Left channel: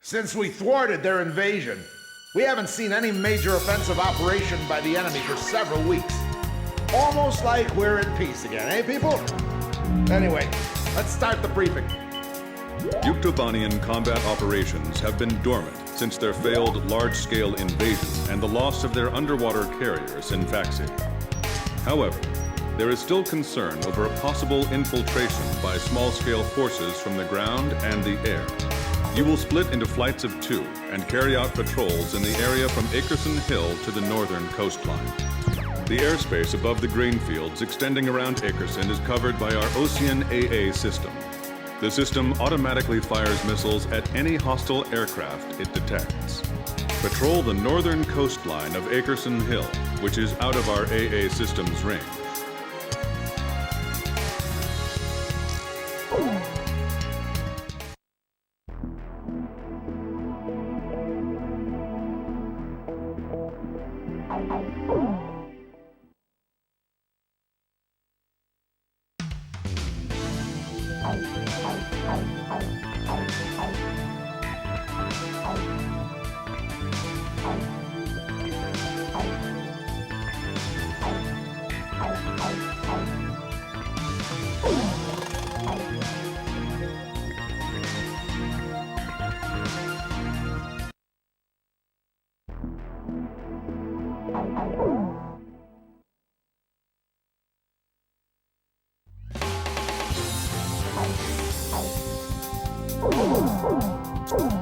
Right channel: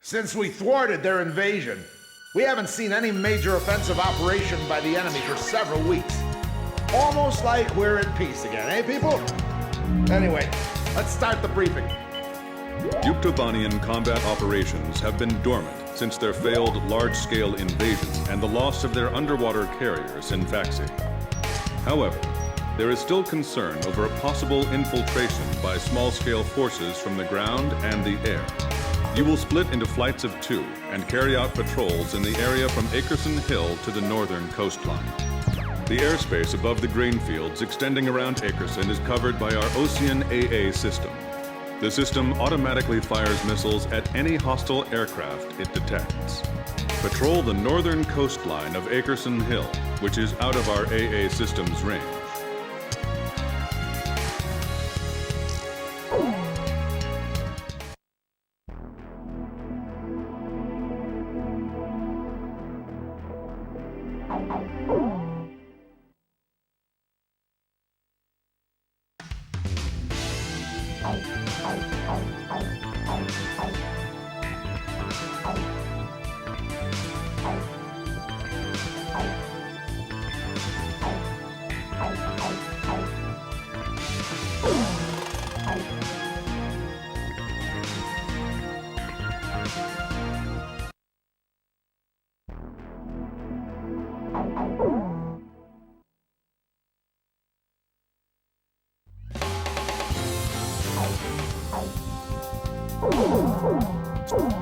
Since we thwarted their invasion, we haven't seen any major offensive operation by the enemy for several weeks. Almost like we're at peace again, eh, people? Anyway, let's start the briefing. Yuktobanian combat operations have been dormant since their failed large-scale invasion and the loss of their underwater carrier, Sinfaxi. However, there is still concern over a possible infiltration by small-scale forces from the ground and the air. You will split into flights of 2 and carry out patrols in the area from Akerson Hill to the northern coastline. The airspace above the grain fields extending around Akerson is covered by our Oseano AA system. The system automatically fires missiles at any hostile aircraft it detects. Patrol the northern coastline of Akerson Hill, which is out of our AA system's range.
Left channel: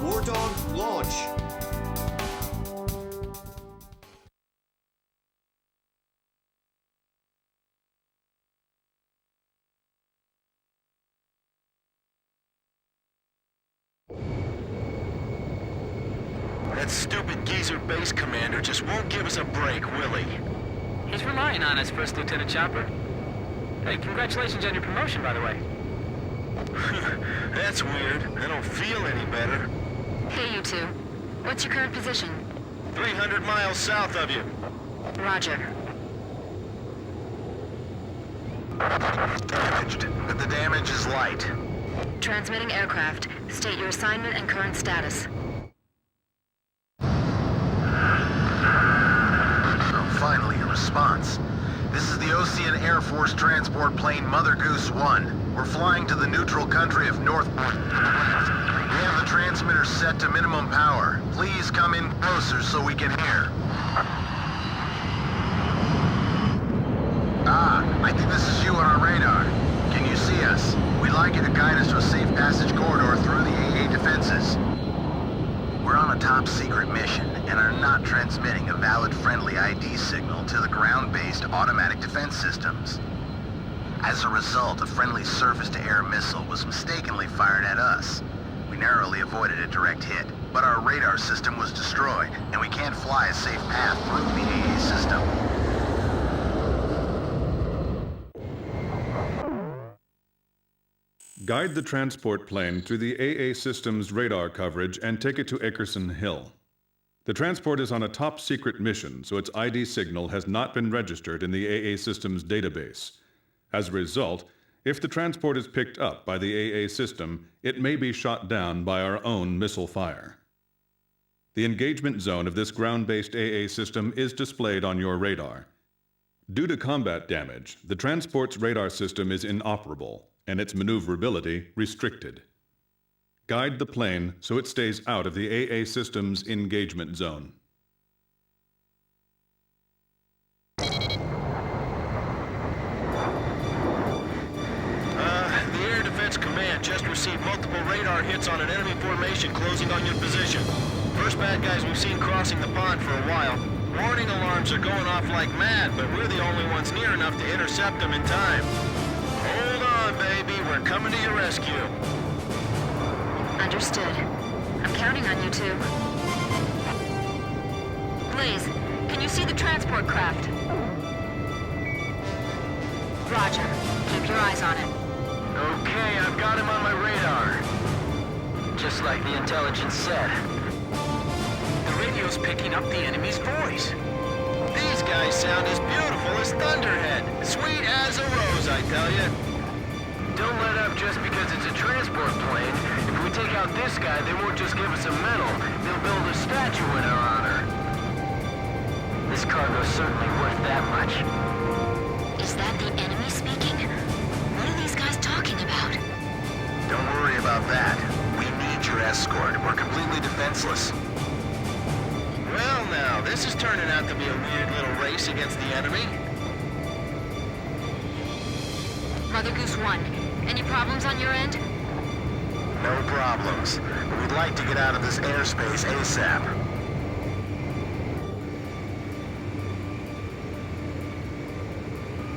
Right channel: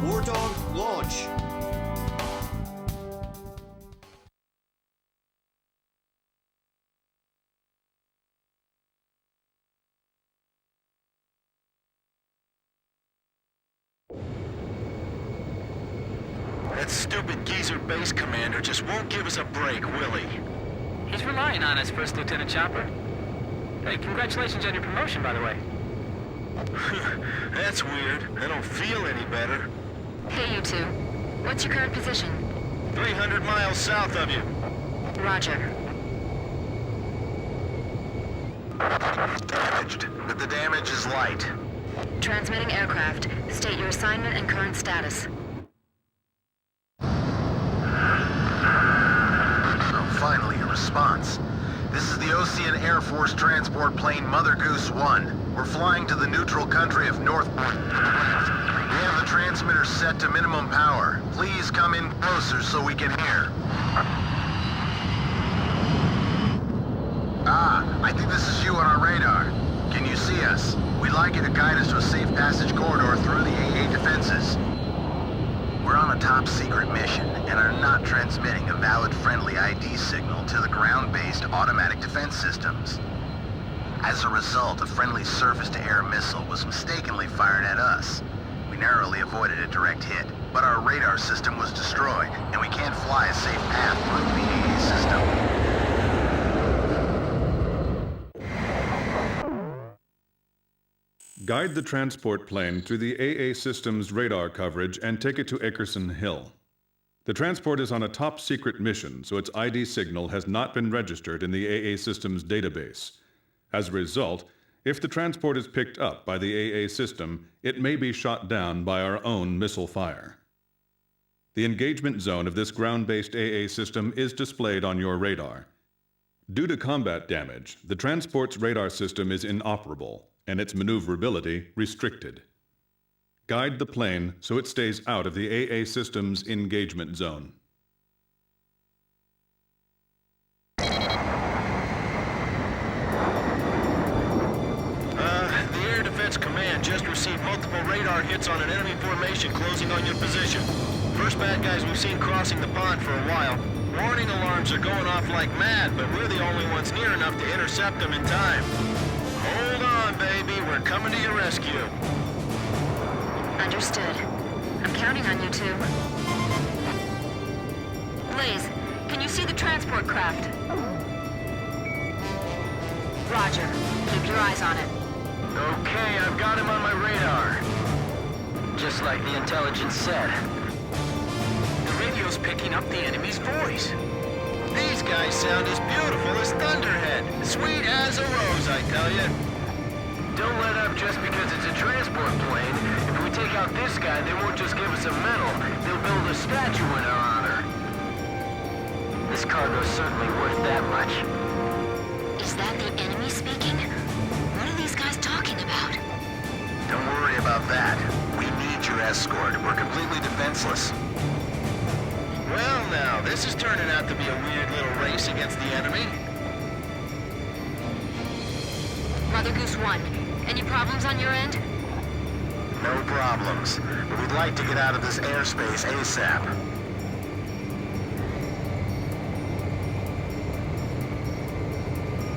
War Dog, launch! That stupid geezer base commander just won't give us a break, will he? He's relying on us, First Lieutenant Chopper. Hey, congratulations on your promotion, by the way. That's weird. I don't feel any better. Hey, you two. What's your current position? 300 miles south of you. Roger. Damaged, but the damage is light. Transmitting aircraft. State your assignment and current status. Finally, a response. This is the Oseano Air Force transport plane Mother Goose 1. We're flying to the neutral country of North... We have the transmitter set to minimum power. Please come in closer so we can hear. I think this is you on our radar. Can you see us? We'd like you to guide us to a safe passage corridor through the AA defenses. We're on a top-secret mission and are not transmitting a valid friendly ID signal to the ground-based automatic defense systems. As a result, a friendly surface-to-air missile was mistakenly fired at us. We narrowly avoided a direct hit, but our radar system was destroyed, and we can't fly a safe path through the AA system. Guide the transport plane through the AA system's radar coverage and take it to Akerson Hill. The transport is on a top-secret mission, so its ID signal has not been registered in the AA system's database. As a result, if the transport is picked up by the AA system, it may be shot down by our own missile fire. The engagement zone of this ground-based AA system is displayed on your radar. Due to combat damage, the transport's radar system is inoperable, and its maneuverability restricted. Guide the plane so it stays out of the AA system's engagement zone. The Air Defense Command just received multiple radar hits on an enemy formation closing on your position. First bad guys we've seen crossing the pond for a while. Warning alarms are going off like mad, but we're the only ones near enough to intercept them in time. Hold on, baby. We're coming to your rescue. Understood. I'm counting on you two. Blaze, can you see the transport craft? Roger. Keep your eyes on it. Okay, I've got him on my radar. Just like the intelligence said. The radio's picking up the enemy's voice. These guys sound as beautiful as Thunderhead. Sweet as a rose, I tell you. Don't let up just because it's a transport plane. If we take out this guy, they won't just give us a medal. They'll build a statue in our honor. This cargo's certainly worth that much. Is that the enemy speaking? What are these guys talking about? Don't worry about that. We need your escort. We're completely defenseless. Well now, this is turning out to be a weird little race against the enemy. Mother Goose 1, any problems on your end? No problems, but we'd like to get out of this airspace ASAP.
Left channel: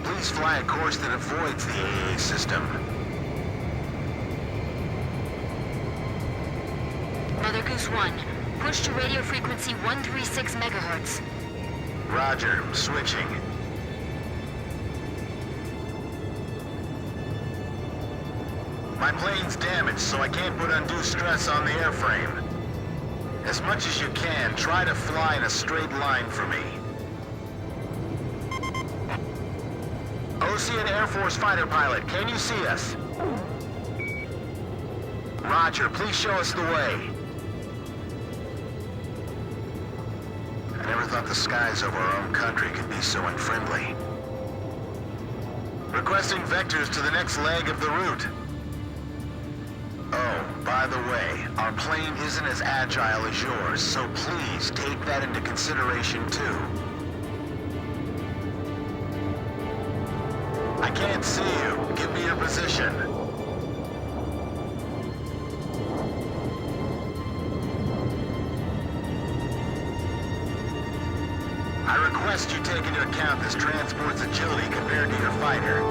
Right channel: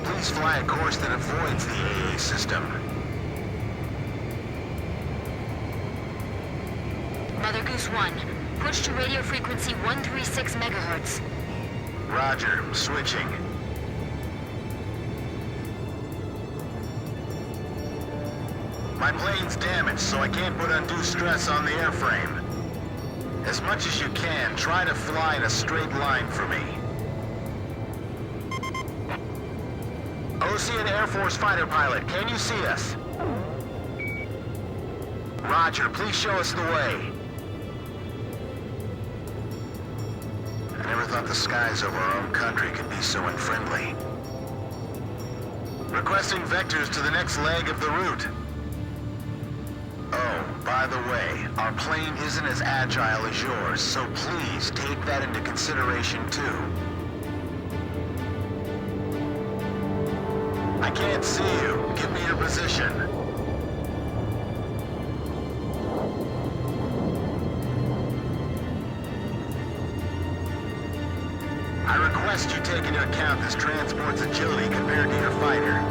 Please fly a course that avoids the AA system. Mother Goose 1, push to radio frequency 136 megahertz. Roger, switching. My plane's damaged, so I can't put undue stress on the airframe. As much as you can, try to fly in a straight line for me. Oseano Air Force fighter pilot, can you see us? Roger, please show us the way. I never thought the skies over our own country could be so unfriendly. Requesting vectors to the next leg of the route. Oh, by the way, our plane isn't as agile as yours, so please take that into consideration too. I can't see you. Give me your position. I request you take into account this transport's agility compared to your fighter.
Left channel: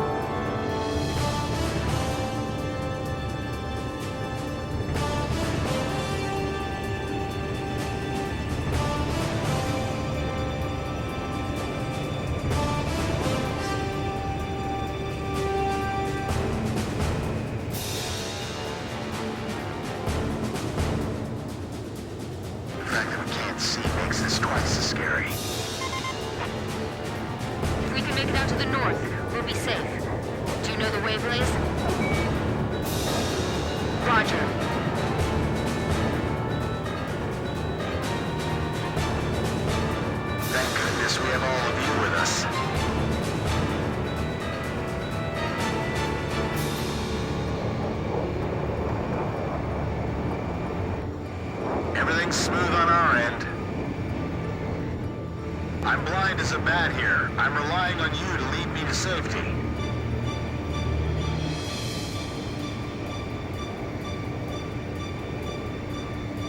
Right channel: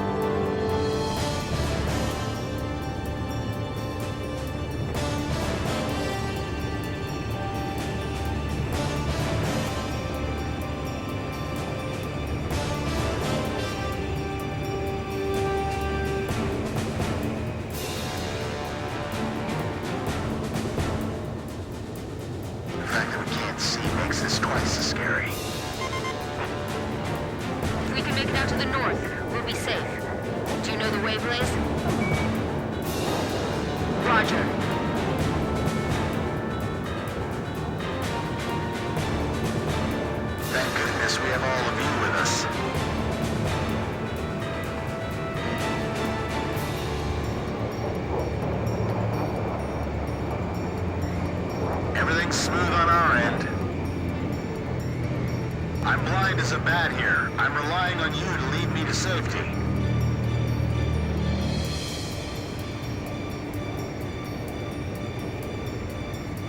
The fact that we can't see makes this twice as scary. If we can make it out to the north, we'll be safe. Do you know the way, Blaze? Roger. Thank goodness we have all of you with us. Everything's smooth on our end. I'm blind as a bat here. I'm relying on you to lead me to safety.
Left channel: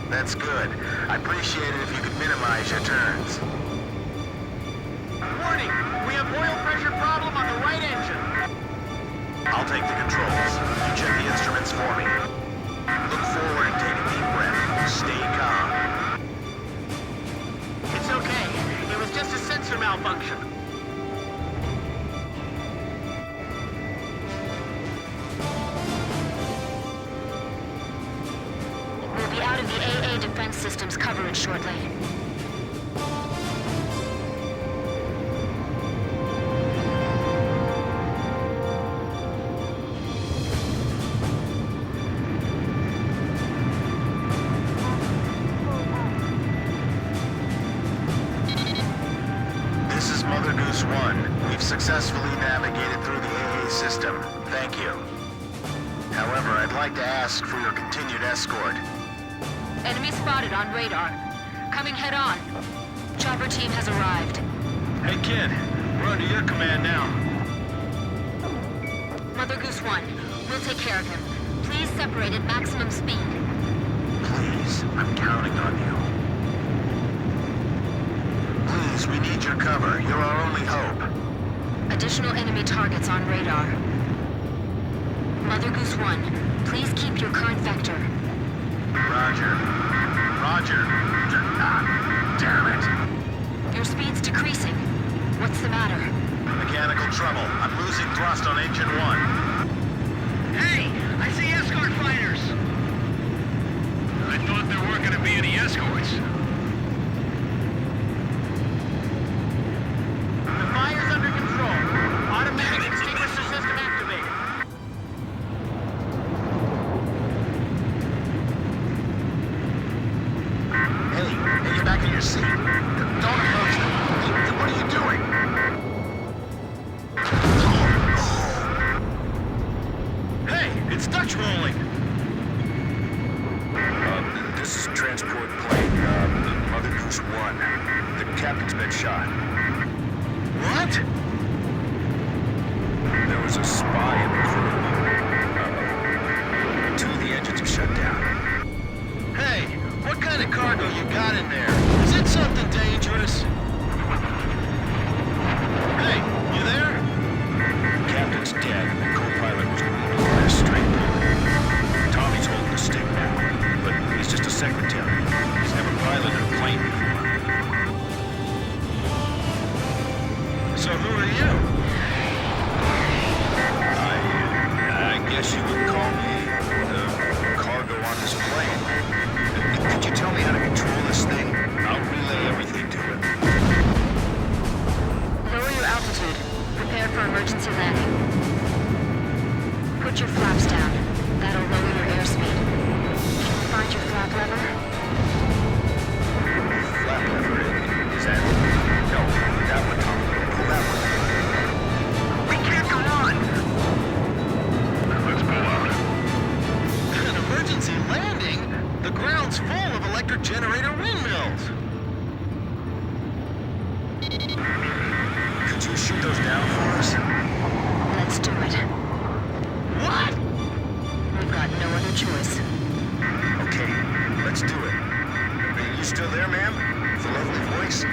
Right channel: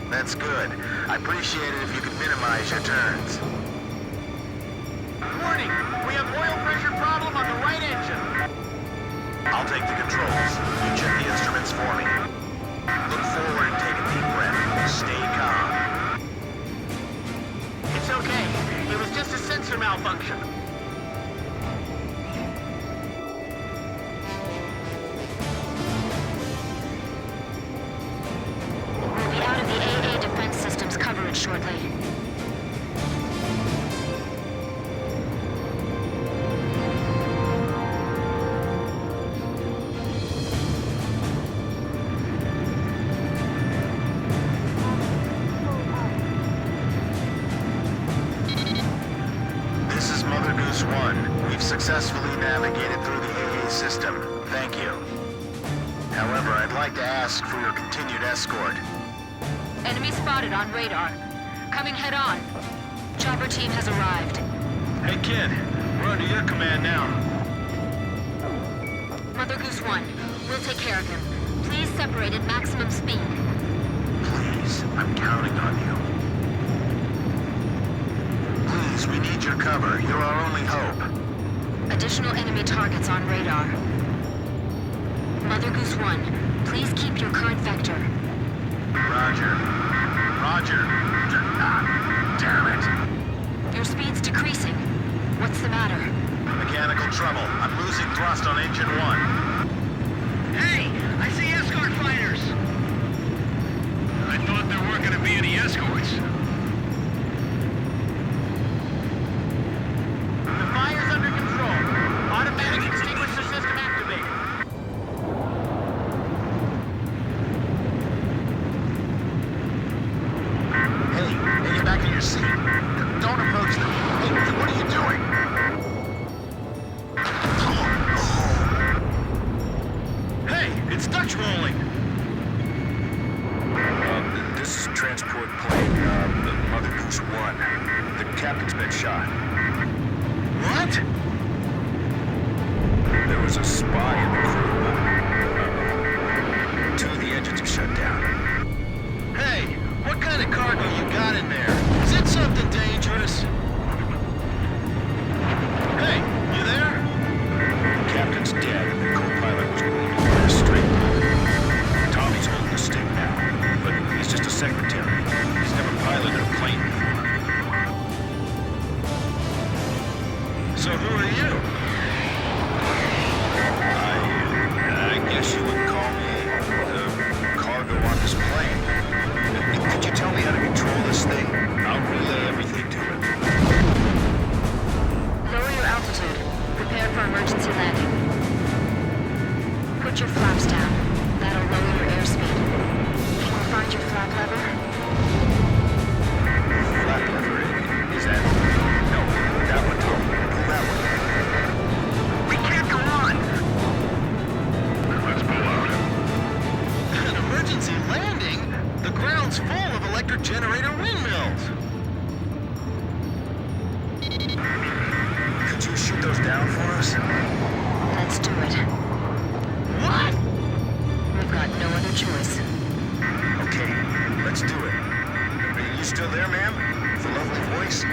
That's good. I appreciate it if you could minimize your turns. Warning! We have oil pressure problem on the right engine. I'll take the controls. You check the instruments for me. Look forward and take a deep breath. Stay calm. It's okay. It was just a sensor malfunction. We'll be out of the AA defense system's coverage shortly. This is Mother Goose 1. We've successfully navigated through the AA system. Thank you. However, I'd like to ask for your continued escort. Enemy spotted on radar. Coming head on. Chopper team has arrived. Hey kid, we're under your command now. Mother Goose 1, we'll take care of him. Please separate at maximum speed. Please, I'm counting on you. Please, we need your cover. You're our only hope. Additional enemy targets on radar. Mother Goose 1, please keep your current vector. Roger. Roger. Damn it. Your speed's decreasing. What's the matter? Mechanical trouble. I'm losing thrust on engine 1. Hey! I see escort fighters! I thought there weren't gonna be any escorts. The fire's under control. Automatic extinguisher system activated. your seat. Don't approach them. Hey, what are you doing? Hey, it's Dutch rolling. This is transport plane, Mother Goose 1. The captain's been shot. What? There was a spy in the crew. Two of the engines are shut down. Hey, what kind of cargo you got in there? Is it something dangerous? Hey, you there? The captain's dead and the co-pilot was wounded by a stray bullet. Tommy's holding the stick now, but he's just a secretary. He's never piloted a plane before. So who are you? I guess you would call me the cargo on this plane. Could you tell me how to control this thing? I'll relay everything to it. Lower your altitude. Prepare for emergency landing. Put your flaps down. That'll lower your airspeed. Can you find your flap lever? Flap lever, is that it? No, that one, Tom. Pull that one. We can't go on! Let's pull out. An emergency landing? The ground's full of electric generator windmills. Could you shoot those down for us? Let's do it. What? We've got no other choice. Okay, let's do it. Are you still there, ma'am? With a lovely voice?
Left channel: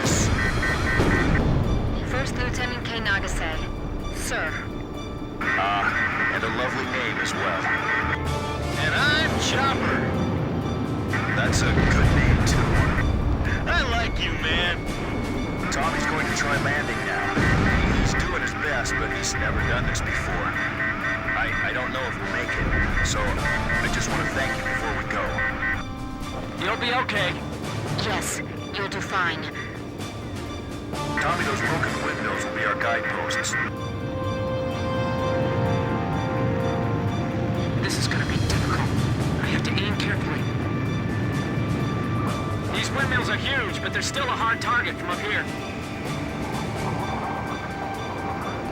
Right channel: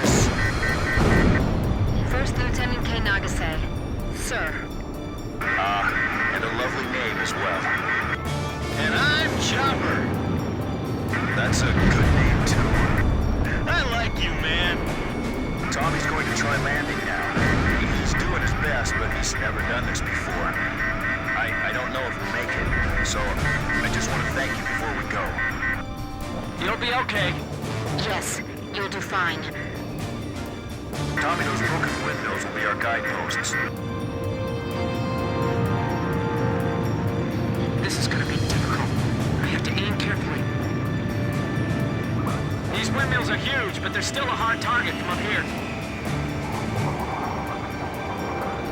Miss... First Lieutenant K. Nagase. Sir. and a lovely name as well. And I'm Chopper. That's a good name, too. I like you, man. Tommy's going to try landing now. He's doing his best, but he's never done this before. I don't know if we'll make it, so I just want to thank you before we go. You'll be okay. Yes, you'll do fine. Tommy, those broken windmills will be our guideposts. This is gonna be difficult. I have to aim carefully. These windmills are huge, but they're still a hard target from up here.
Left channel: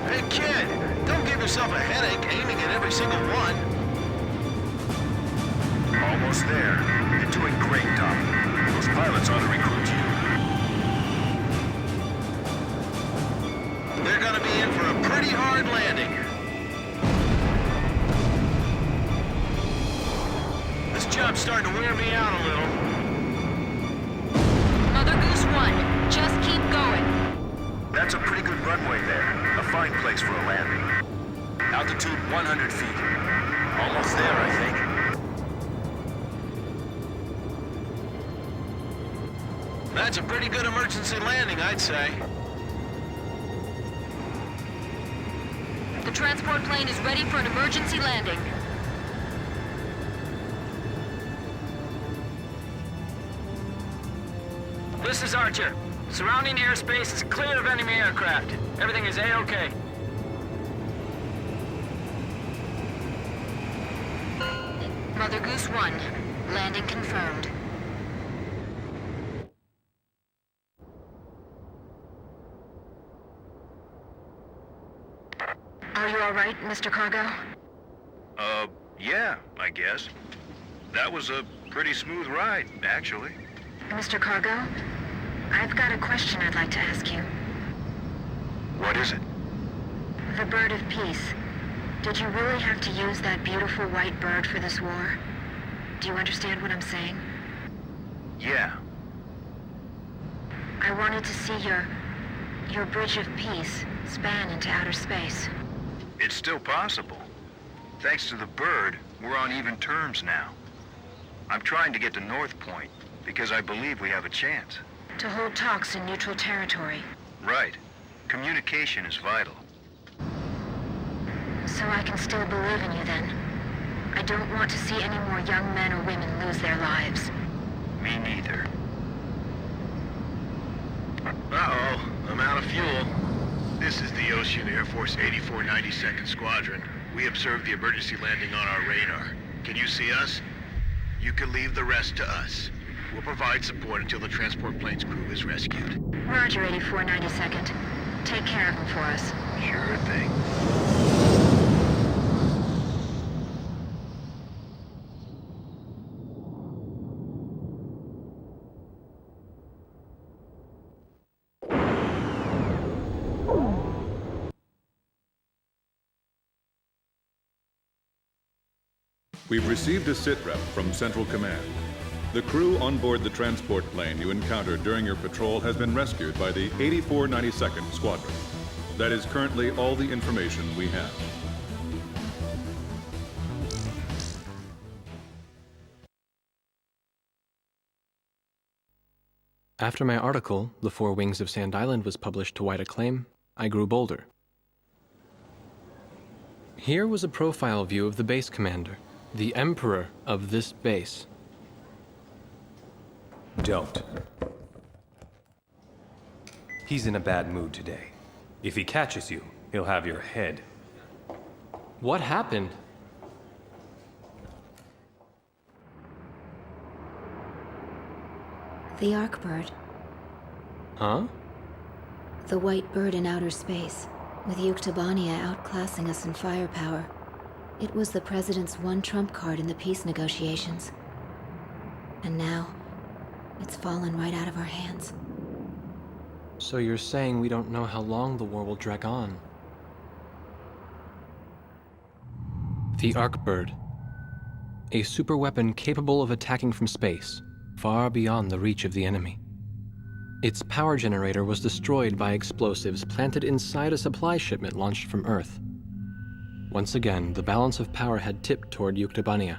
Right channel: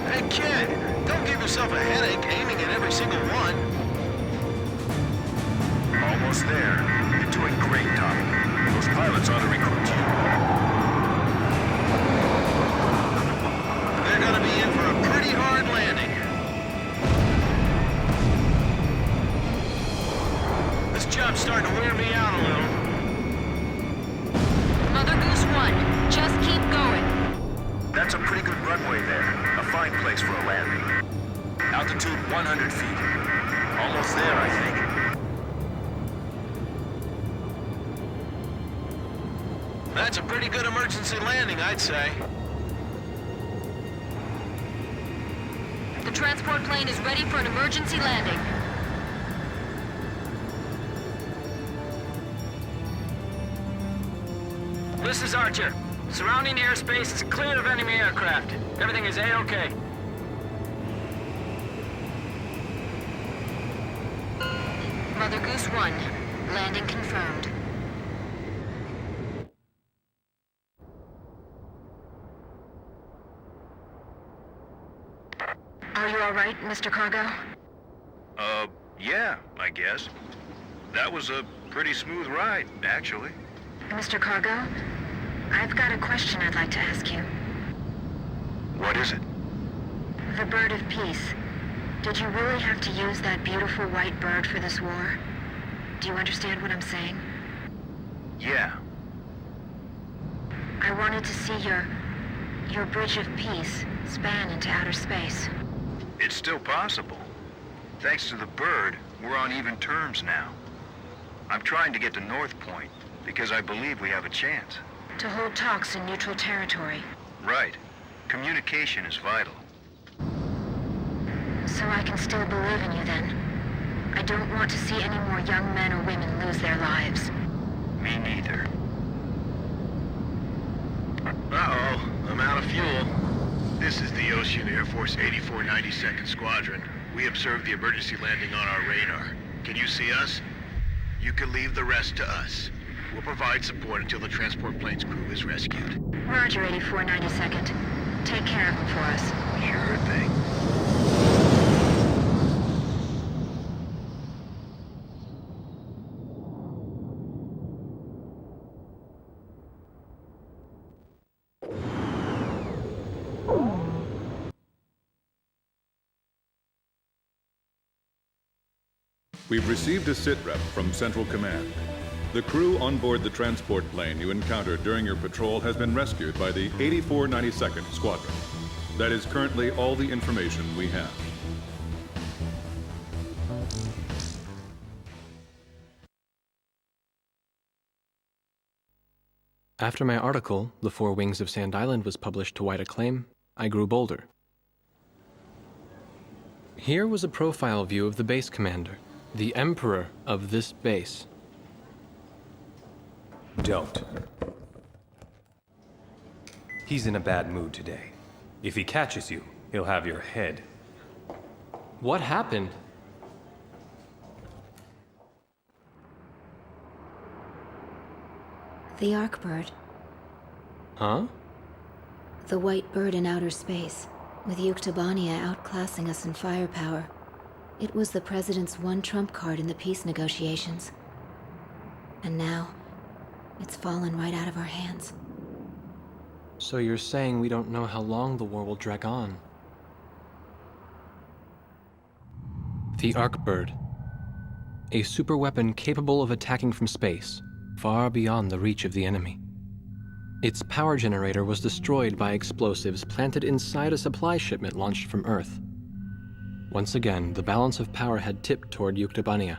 Hey, kid, don't give yourself a headache aiming at every single one. Almost there. You're doing great, Tommy. Those pilots ought to recruit you. They're gonna be in for a pretty hard landing. This job's starting to wear me out a little. Mother Goose 1, just keep going. That's a pretty good runway there. A fine place for a landing. Altitude 100 feet. Almost there, I think. That's a pretty good emergency landing, I'd say. The transport plane is ready for an emergency landing. This is Archer. Surrounding airspace is clear of enemy aircraft. Everything is A-OK. Mother Goose 1, landing confirmed. Are you all right, Mr. Cargo? Yeah, I guess. That was a pretty smooth ride, actually. Mr. Cargo, I've got a question I'd like to ask you. What is it? The bird of peace. Did you really have to use that beautiful white bird for this war? Do you understand what I'm saying? Yeah. I wanted to see your bridge of peace span into outer space. It's still possible. Thanks to the bird, we're on even terms now. I'm trying to get to North Point because I believe we have a chance. To hold talks in neutral territory. Right. Communication is vital. So I can still believe in you then. I don't want to see any more young men or women lose their lives. Me neither. Uh-oh, I'm out of fuel. This is the Ocean Air Force 8492nd Squadron. We observed the emergency landing on our radar. Can you see us? You can leave the rest to us. We'll provide support until the transport plane's crew is rescued. Roger, 8492nd. Take care of him for us. Sure thing. We've received a sitrep from Central Command. The crew on board the transport plane you encountered during your patrol has been rescued by the 8492nd Squadron. That is currently all the information we have. After my article, The Four Wings of Sand Island, was published to wide acclaim, I grew bolder. Here was a profile view of the base commander, the emperor of this base. Don't. He's in a bad mood today. If he catches you, he'll have your head. What happened? The Arkbird. Huh? The white bird in outer space, with Yuktobania outclassing us in firepower. It was the President's one trump card in the peace negotiations. And now, it's fallen right out of our hands. So you're saying we don't know how long the war will drag on? The Arkbird. A superweapon capable of attacking from space, far beyond the reach of the enemy. Its power generator was destroyed by explosives planted inside a supply shipment launched from Earth. Once again, the balance of power had tipped toward Yuktobania.